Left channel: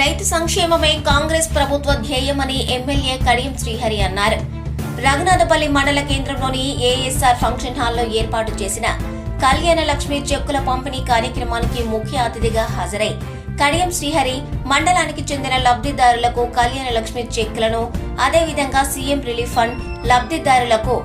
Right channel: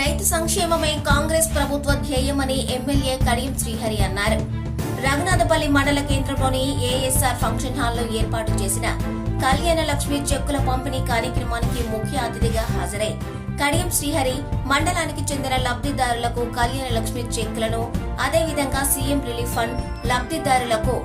రైతు సంక్షేమమే కాంగ్రెస్ ప్రభుత్వ ధ్యేయమని ఎమ్మెల్యే కడియం శ్రీహరి అన్నారు. రంగనాథపల్లి మండల కేంద్రంలోని ఏఎస్ఆర్ ఫంక్షన్ హాల్లో ఏర్పాటు చేసిన కళ్యాణ లక్ష్మి చెక్కుల పంపిణీ కార్యక్రమానికి ముఖ్య అతిథిగా హాజరై కడియం శ్రీహరి మండలానికి చెందిన లబ్ధిదారులకు కళ్యాణ లక్ష్మి చెక్కులను అదేవిధంగా సీఎం రిలీఫ్ ఫండ్ లబ్ధిదారులకు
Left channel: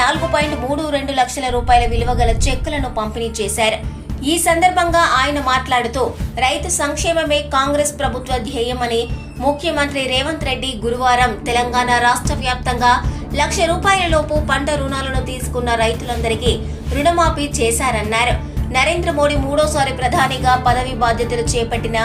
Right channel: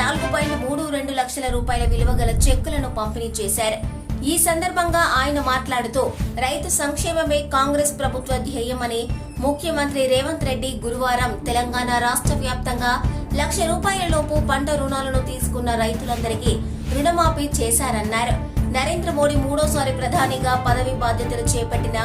నాలుగు పాయింట్ మూడు రెండు లక్షల రూపాయల విలువ గల చెక్కులను పంపిణీ చేశారు. ఈ సందర్భంగా ఆయన మాట్లాడుతూ రైతు సంక్షేమమే కాంగ్రెస్ ప్రభుత్వ ధ్యేయమని ముఖ్యమంత్రి రేవంత్ రెడ్డి గురువారం తెలంగాణ రాష్ట్ర వ్యాప్తంగా లక్ష రూపాయల లోపు పంట రుణాలను తీసుకున్న రైతులందరికీ రుణమాఫీ చేశారన్నారు. నరేంద్ర మోడీ మూడోసారి ప్రధానిగా పదవి బాధ్యతలు చేపట్టిన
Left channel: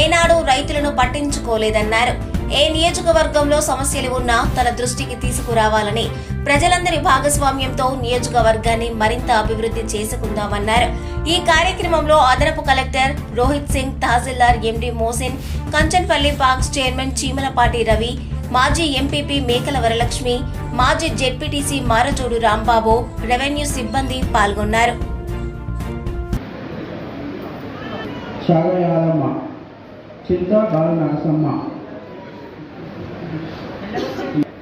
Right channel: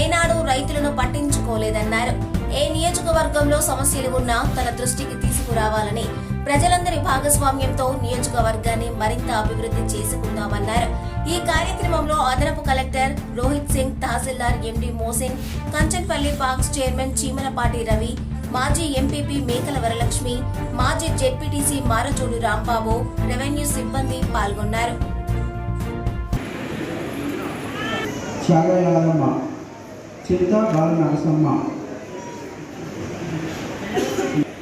ఏనాడు రైతులను పట్టించుకోలేదన్నారు. ఏ నియోజకవర్గంలో సమస్యలు ఉన్నా తన దృష్టికి తీసుకురావాలని ప్రజలందరి భాగస్వామ్యంతో నియోజకవర్గాన్ని మరింత అభివృద్ధి చేసుకుందామన్నారు. ఈ కార్యక్రమంలో అదనపు కలెక్టర్ రోహిత్ సింగ్ తహసీల్దార్ MD Mohsin Kanchanpalli parks chairman Chimalapati Ravi మాజీ ఎంపీపీ మేకల వరలక్ష్మి మాజీ జెడ్పీటీసీ మారజోడు రాంబాబు రెవెన్యూ సిబ్బంది పాల్గొన్నారు. త్యాగయాలమ్మ చింత బాల నరసమ్మ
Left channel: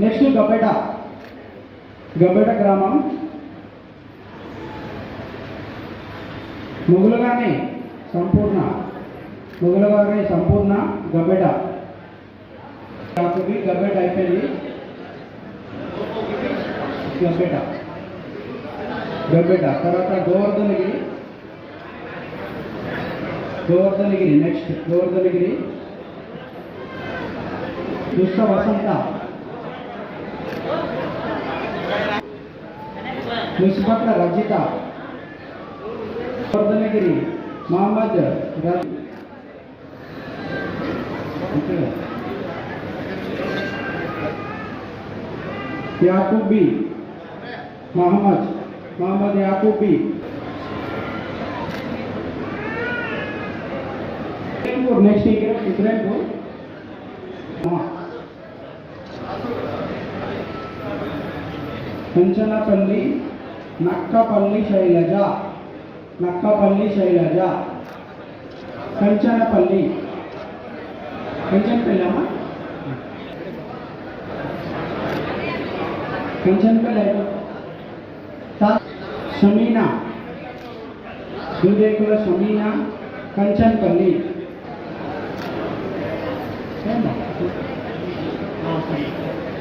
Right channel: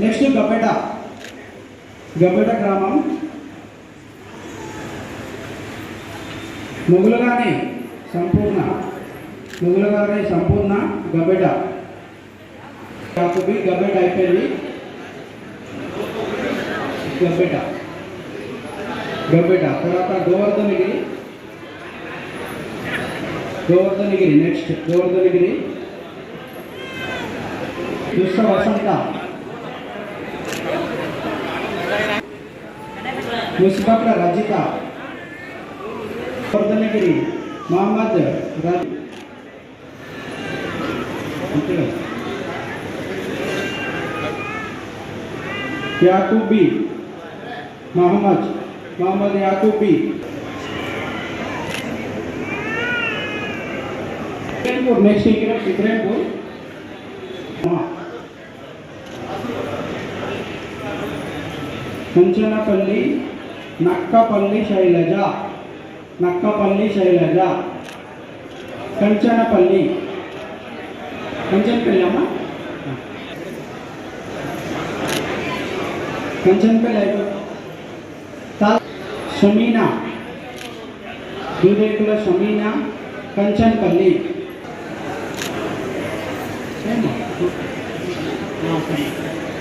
నెక్స్ట్ గబ్బెట. గబ్బెట గ్రామం. మొగులుగానే సంపూర్ణ. మొగులుగానే సంపూర్ణ గబ్బెట. కాకపోతే గబ్బెట అయిపోయింది. గబ్బెట. గబ్బెట. తర్వాత गोवर्धनगिरी नेक्स्ट गोवर्धनगिरी दुष्ट वसंत। मुसपट रजिता गोवर्धनगिरी मोहम्मद याकूबी मोहम्मद मोहम्मद याकूबी इंग्रेडिएंट और नेक्स्ट इंग्रेडिएंट डिफरेंट हो। हाँ। कुंचनपल्ली नक्कापल्ली शैलजा नक्कापल्ली शैलजा। कंचनपल्ली। कंचनपल्ली हाँ। कंचनपल्ली तो। समीना। दूधेकुला समीना, कंचनपल्ली। ノーフリー